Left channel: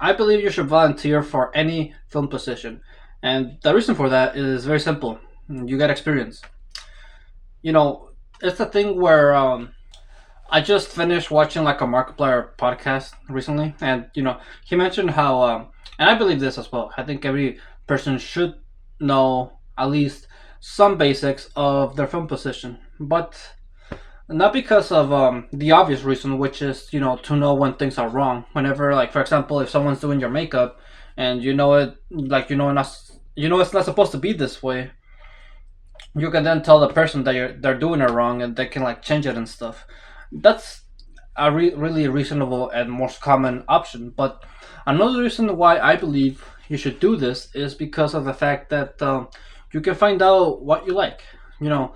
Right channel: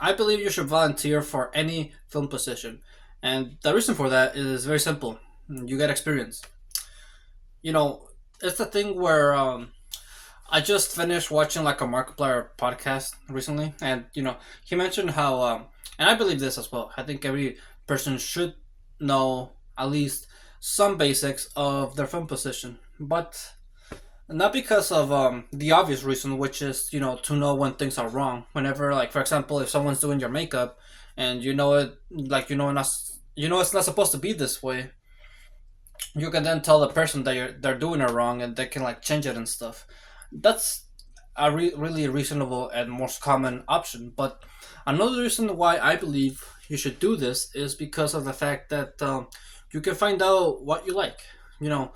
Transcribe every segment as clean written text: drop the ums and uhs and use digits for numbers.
I believe you should volunteer for any film position. And the reason for that is very simple. You get experience. You know, it's the thing where I just finished watching like a Markiplier podcast recently, and he mentioned how, and I believe this as well. I think every person should know at least some basics of their film position, but not because of the obvious reason, which is to know when things are wrong. Whenever, like for example, if someone's doing your makeup, and it's not supposed to be this way, you can then tell the person that they're doing it wrong, and they can like change it and stuff. That's a really reasonable and most common option. But another reason why I believe you should do this is because of the fact that you can find out what you like. You know,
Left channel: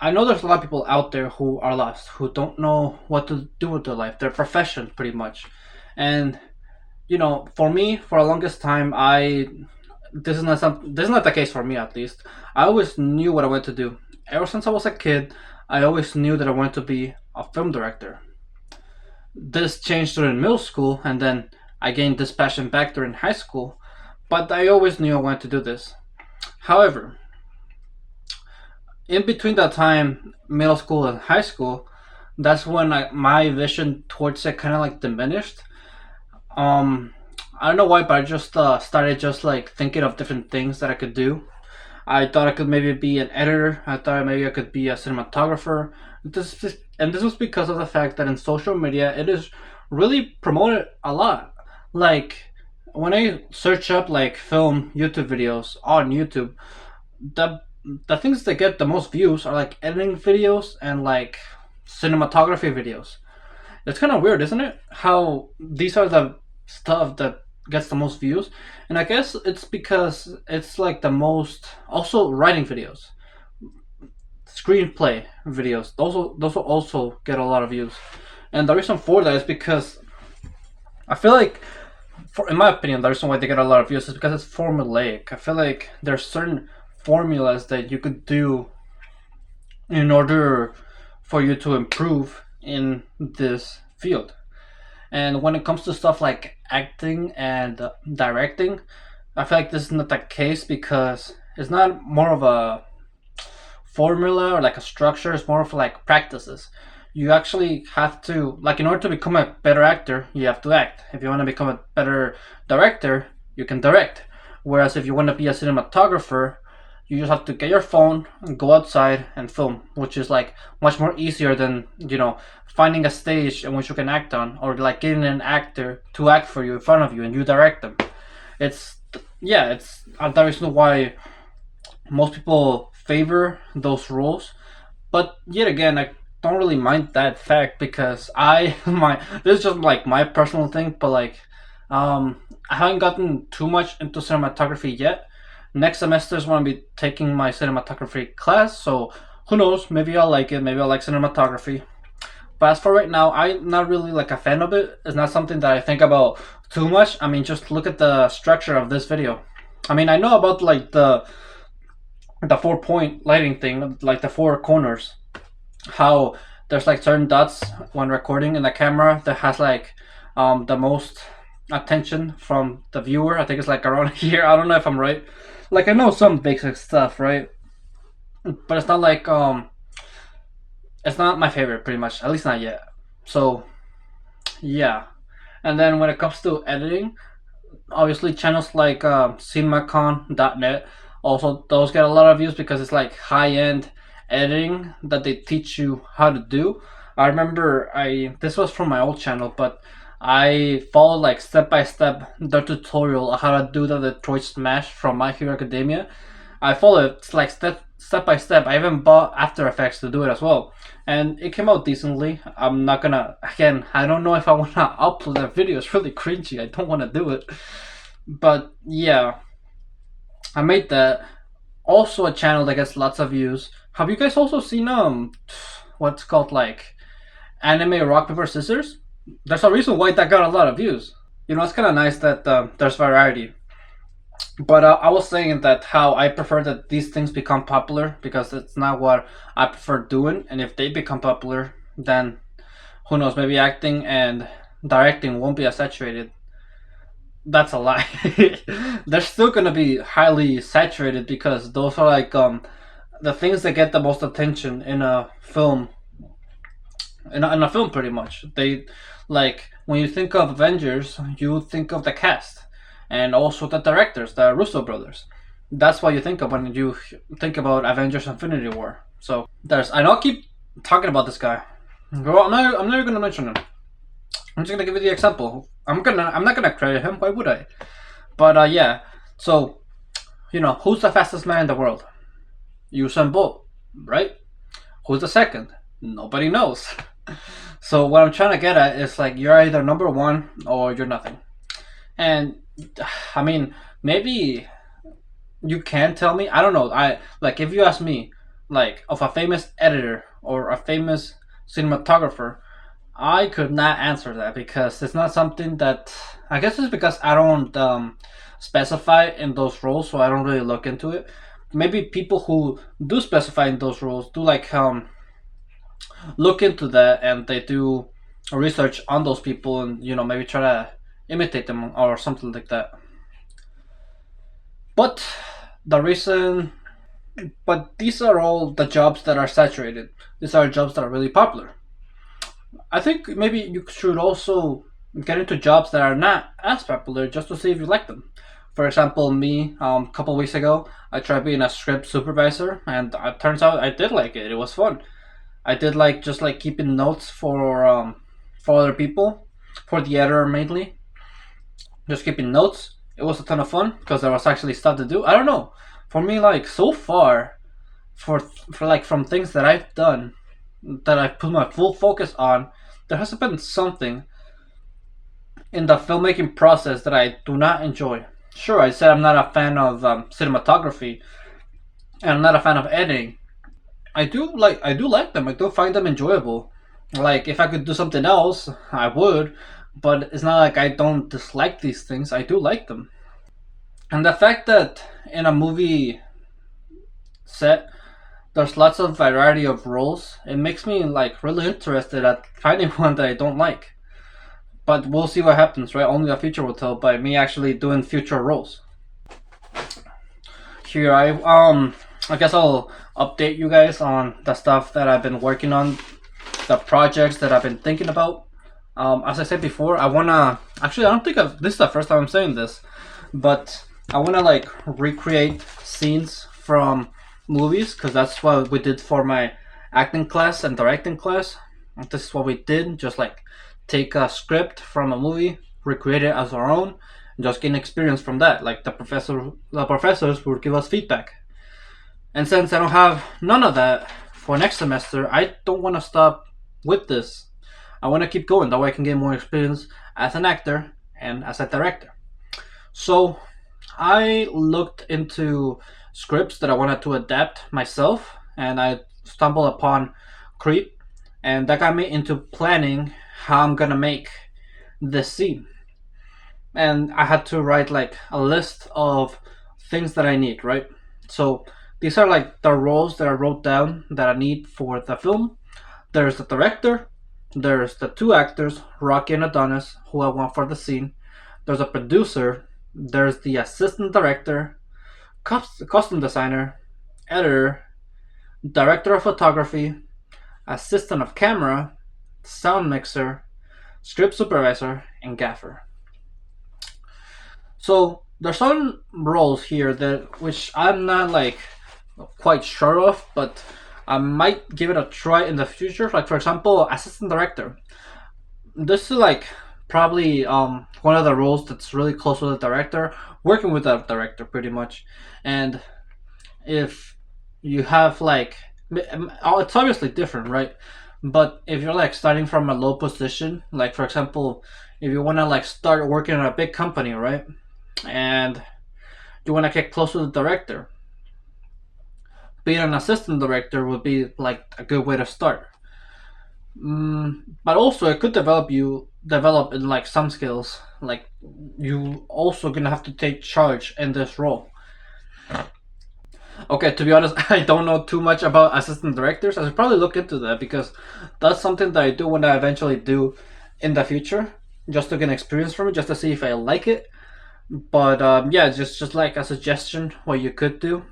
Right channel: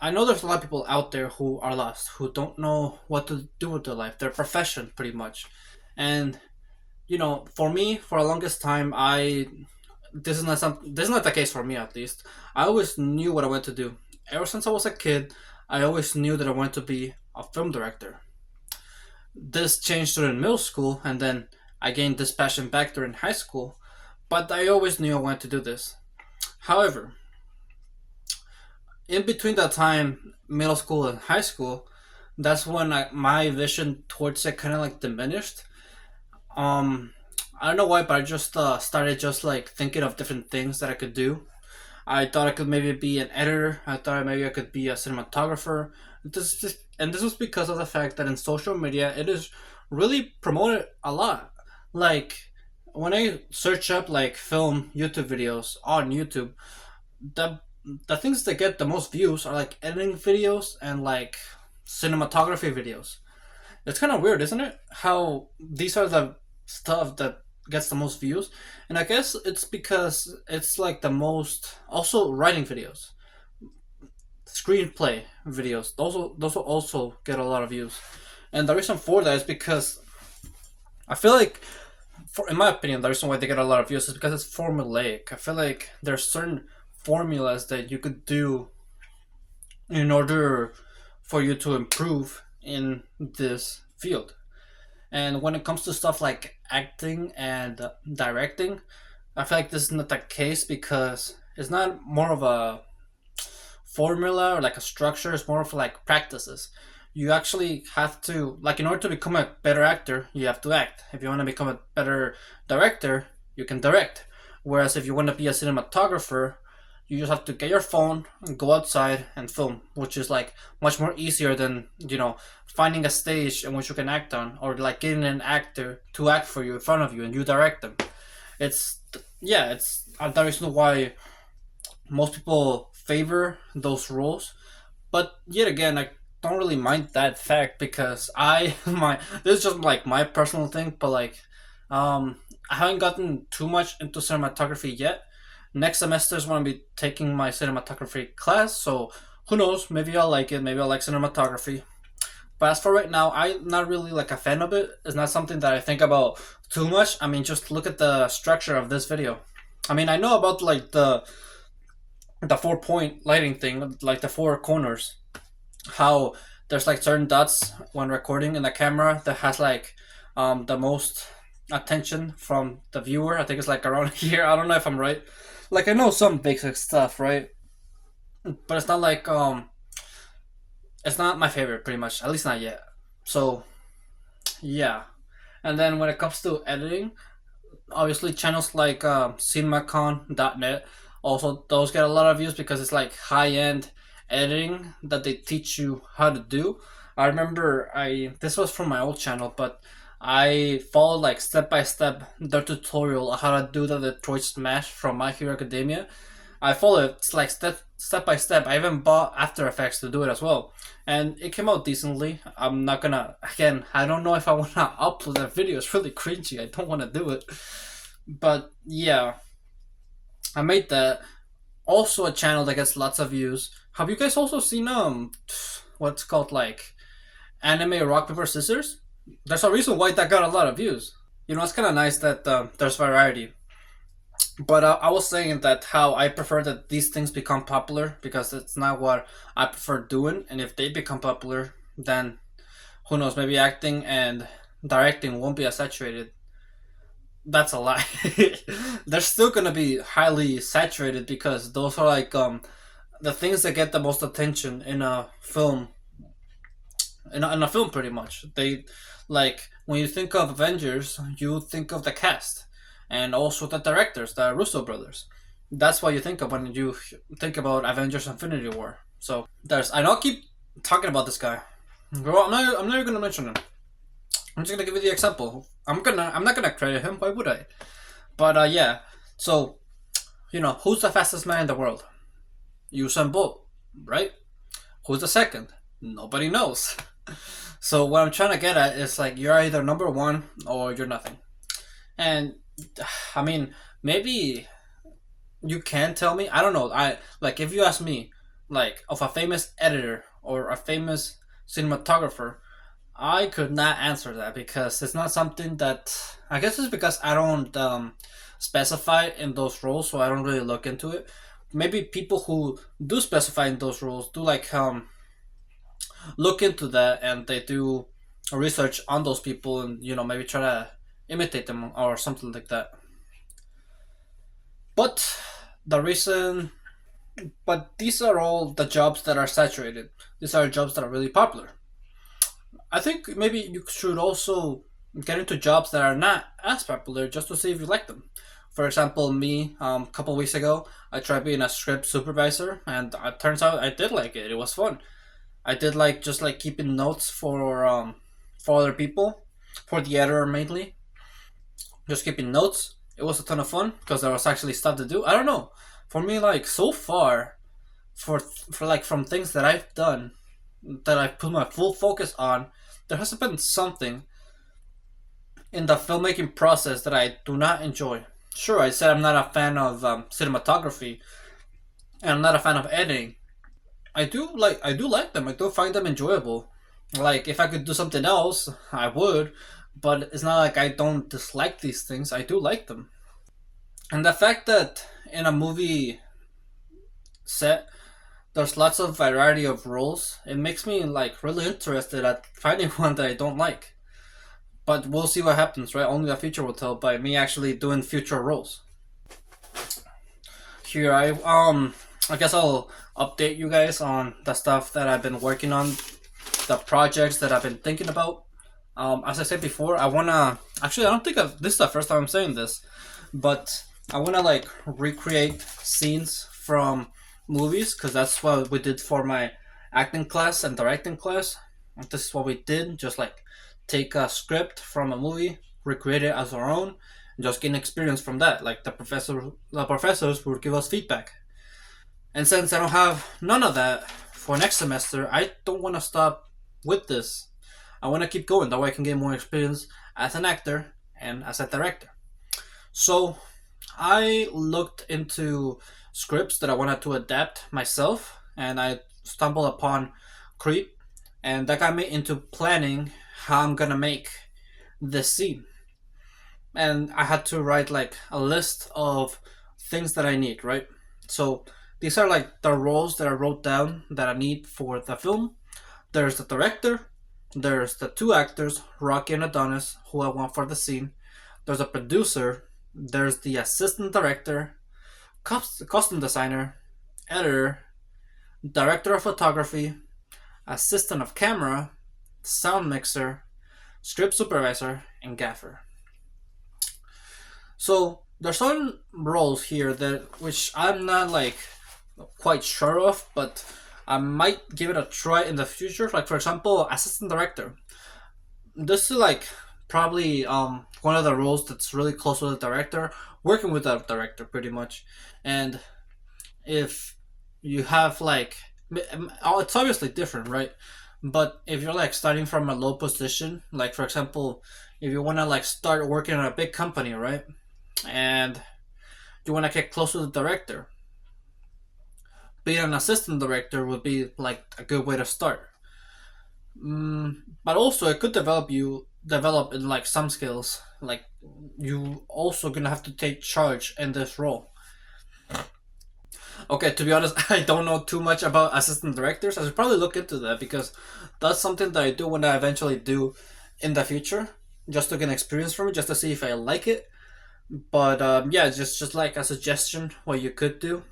I know there's a lot of people out there who are lost, who don't know what to do with their life, their profession, pretty much. And for me, for the longest time, I this is not the case for me at least. I always knew what I wanted to do. Ever since I was a kid, I always knew that I wanted to be a film director. This changed during middle school, and then I gained this passion back during high school. But I always knew I wanted to do this. However, in between that time, middle school and high school, that's when my vision towards it kind of like diminished. Um, I don't know why, but I just started just like thinking of different things that I could do. I thought I could maybe be an editor. I thought maybe I could be a cinematographer. And this was because of the fact that in social media it is really promoted a lot. Like when I search up like film YouTube videos on YouTube, the the things that get the most views are like editing videos and like cinematography videos. It's kind of weird, isn't it? How these are the stuff that gets the most views, and I guess it's because it's like the most. Also, writing videos, screenplay videos. Those will also get a lot of views, and the reason for that is because I feel like, in my opinion, the reason why they get a lot of views is because it's formulaic. I feel like there's certain formulas that you could do in order for you to improve in this field. And when it comes to stuff like acting and directing, I feel like this is not the case because it's not more of a formula or like a structure. It's more of like practices. You actually have to, like, in order to become a better actor, you have to act. If you want to become a better director, you can direct. Whereas if you want to be a cinematographer, you just have to get your phone and go outside and film, which is like much more easier than finding a stage in which you can act on, or like getting an actor to act for you in front of you and you direct them. It's yeah, it's the reason why most people favor those roles. But yet again, I don't really mind that fact because I my this is just like my personal thing, but like I haven't gotten too much into cinematography yet. Next semester is when I'll be taking my cinematography class, so who knows? Maybe I'll like it. Maybe I'll like cinematography. But as for right now, I'm not really like a fan of it. It's not something that I think about too much. I mean, just look at the structure of this video. I mean, I know about like the 4 point lighting thing, like the four corners. How there's like certain dots when recording in the camera that has like the most attention from the viewer. I think it's like around here. I don't know if I'm right. Like I know some basic stuff, right? But it's not like it's not my favorite, pretty much. At least not yet. So yeah. And then when it comes to editing, obviously channels like cinemacon.net, also those get a lot of views because it's like high end editing that they teach you how to do. I remember I this was from my old channel, but I followed like step by step the tutorial of how to do the Detroit Smash from My Hero Academia. I followed it like step by step. I even bought After Effects to do it as well, and it came out decently. I'm not gonna again. I don't know if I wanna upload that video. It's really cringy. I don't wanna do it, but yeah, I made that. Also, a channel that gets lots of views. Have you guys also seen what's called like anime rock paper scissors? There's a reason why that got a lot of views. It's kind of nice that there's variety. But I was saying that how I prefer that these things become popular because it's not what I prefer doing. And if they become popular, then who knows? Maybe acting and directing won't be as saturated. that's a lie. They're still gonna be highly saturated because those are like the things that get the most attention in a film. In a film, pretty much. They like when you think of Avengers, you think of the cast and also the directors, the Russo brothers. That's what you think of when you think about Avengers: Infinity War. So there's. I know I keep talking about this guy. Well, I'm never gonna mention him. I'm just gonna give you the example. I'm not gonna credit him. Why would I? But yeah. So who's the fastest man in the world? Usain Bolt, right? Who's the second? Nobody knows. So what I'm trying to get at is like you're either number one or you're nothing. And I mean, maybe you can tell me. I don't know. I like if you ask me, like of a famous editor or a famous cinematographer, I could not answer that because it's not something that I guess it's because I don't specify in those roles, so I don't really look into it. Maybe people who do specify in those roles do like look into that and they do research on those people and maybe try to imitate them or something like that. But the reason, but these are all the jobs that are saturated. These are jobs that are really popular. I think maybe you should also get into jobs that are not as popular just to see if you like them. For example, me, a couple weeks ago, I tried being a script supervisor, and it turns out I did like it. It was fun. I did like just like keeping notes for other people, for the editor mainly. Just keeping notes. It was a ton of fun because there was actually stuff to do. I don't know. For me, like so far, for like from things that I've done, that I've put my full focus on, there hasn't been something in the filmmaking process that I do not enjoy. Sure, I said I'm not a fan of cinematography, and I'm not a fan of editing. I do like them. I do find them enjoyable. Like if I could do something else, I would. But it's not like I don't dislike these things. I do like them. And the fact that in a movie set there's lots of variety of roles, it makes me like really interested at finding one that I don't like. But we'll see what happens, right? Only the future will tell by me actually doing future roles. Here I guess I'll update you guys on the stuff that I've been working on, the projects that I've been thinking about. As I said before, I wanna actually I don't think this is the first time I'm saying this, but I wanna like recreate scenes from movies because that's what we did for my acting class and directing class. This is what we did, just like take a script from a movie, recreate it as our own, and just gain experience from that. Like the professors would give us feedback. And since I don't have none of that for next semester, I don't want to stop with this. I want to keep going. That way I can get more experience as an actor and as a director. So I looked into scripts that I wanted to adapt myself, and I stumbled upon Creep, and that got me into planning how I'm gonna make this scene. And I had to write like a list of things that I need, right? So these are like the roles that I wrote down that I need for the film. There's the director, there's the two actors, Rocky and Adonis, who I want for the scene. There's a producer, there's the assistant director, costume designer, editor, director of photography, assistant of camera, sound mixer, script supervisor, and gaffer. So there's some roles here that which I'm not like quite sure of, but I might give it a try in the future. Like for example, assistant director. This is like probably one of the roles that's really close with the director, working with the director pretty much. And if you have like it's obviously different, right? But if you're like starting from a low position, like for example, if you want to like start working in a big company, right? And you want to get close to the director, being an assistant director would be like a good way to start. But also it could develop in like some skills, like you also gonna have to take charge in this role. Okay, to be honest, I don't know too much about assistant directors. I should probably look into that because that's something that I do when I eventually do in the future, just to get experience from it, just to see if I like it. But yeah, just like a suggestion what you could do.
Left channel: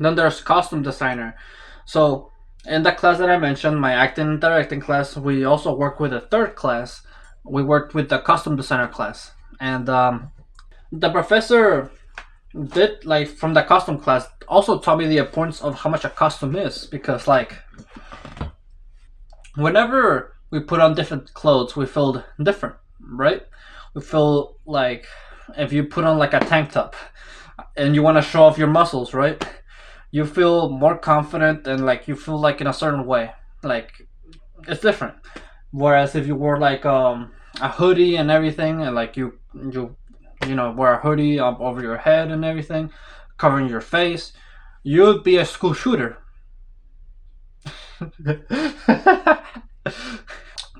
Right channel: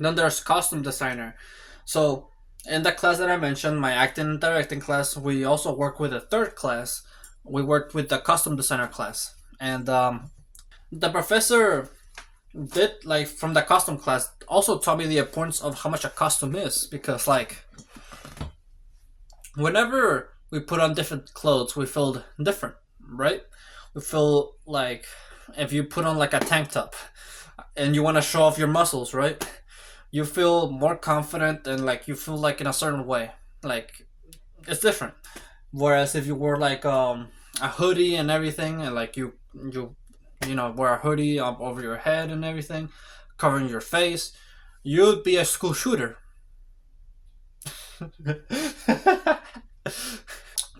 Then there's costume designer. So in the class that I mentioned, my acting and directing class, we also work with a third class. We worked with the costume designer class, and the professor did like from the costume class also taught me the importance of how much a costume is, because like whenever we put on different clothes, we feel different, right? We feel like if you put on like a tank top and you want to show off your muscles, right? You feel more confident and like you feel like in a certain way. Like it's different. Whereas if you wore like a hoodie and everything, and like you know wear a hoodie up over your head and everything, covering your face, you'd be a school shooter.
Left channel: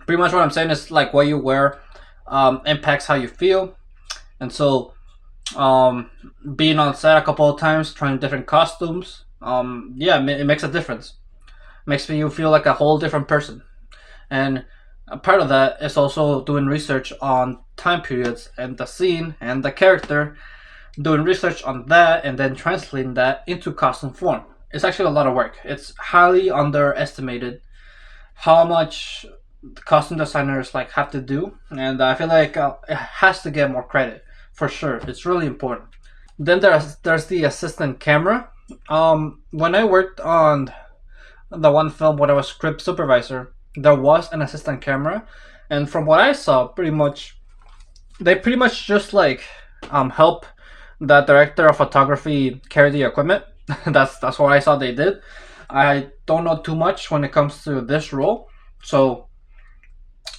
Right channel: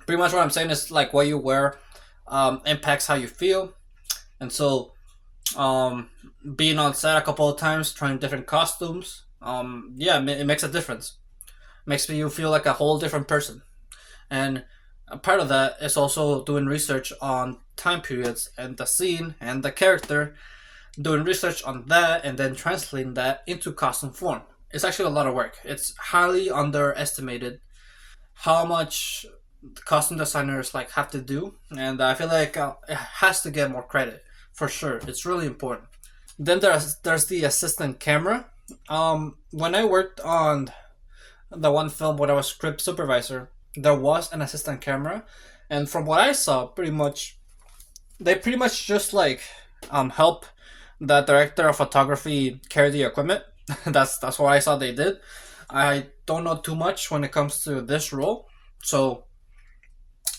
Pretty much what I'm saying is like what you wear impacts how you feel, and so um, being on set a couple of times, trying different costumes, yeah, it makes a difference. Makes you feel like a whole different person, and a part of that is also doing research on time periods and the scene and the character, doing research on that and then translating that into costume form. It's actually a lot of work. It's highly underestimated how much costume designers like have to do, and I feel like it has to get more credit for sure. It's really important. Then there's the assistant camera. When I worked on the one film when I was script supervisor, there was an assistant camera, and from what I saw, they pretty much just like help the director of photography carry the equipment. That's what I saw they did. I don't know too much when it comes to this role, so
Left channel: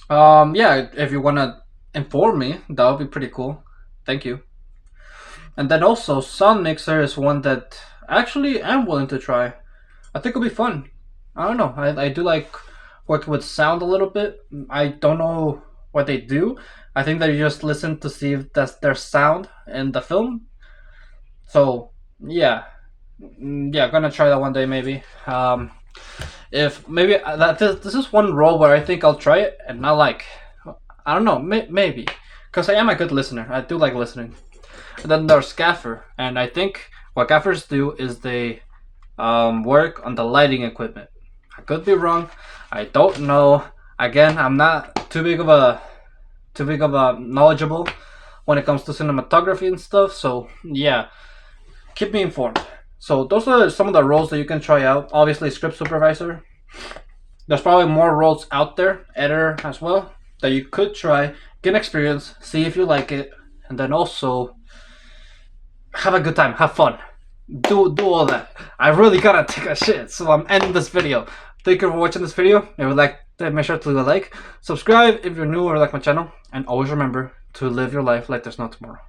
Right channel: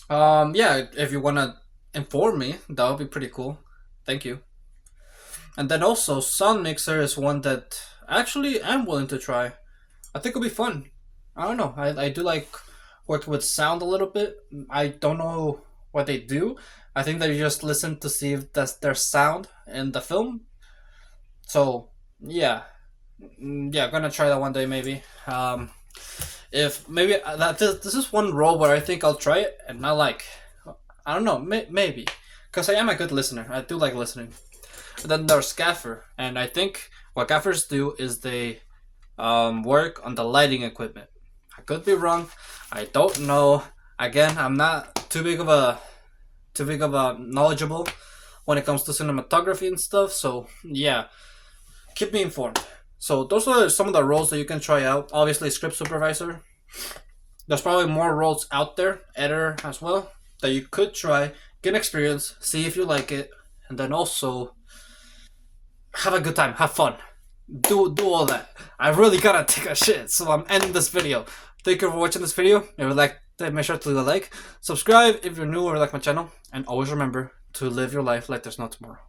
yeah, if you wanna inform me, that would be pretty cool. Thank you. And then also, Sound Mixer is one that actually I'm willing to try. I think it'll be fun. I don't know. I do like working with sound a little bit. I don't know what they do. I think they just listen to see if that's their sound in the film. So yeah, yeah, gonna try that one day maybe. If maybe that this is one role where I think I'll try it and not like, I don't know, maybe because I am a good listener. I do like listening. And then there's gaffer, and I think what gaffers do is they work on the lighting equipment. I could be wrong. I don't know. Again, I'm not too big of a knowledgeable when it comes to cinematography and stuff. So yeah, keep me informed. So those are some of the roles that you can try out. Obviously, script supervisor. There's probably more roles out there, editor as well, that you could try, get experience, see if you like it, and then also have a good time, have fun, do all that. I really gotta take a shit, so I'm ending this video. Thank you for watching this video. If you like, make sure to leave a like, subscribe if you're new or like my channel, and always remember to live your life like there's no tomorrow.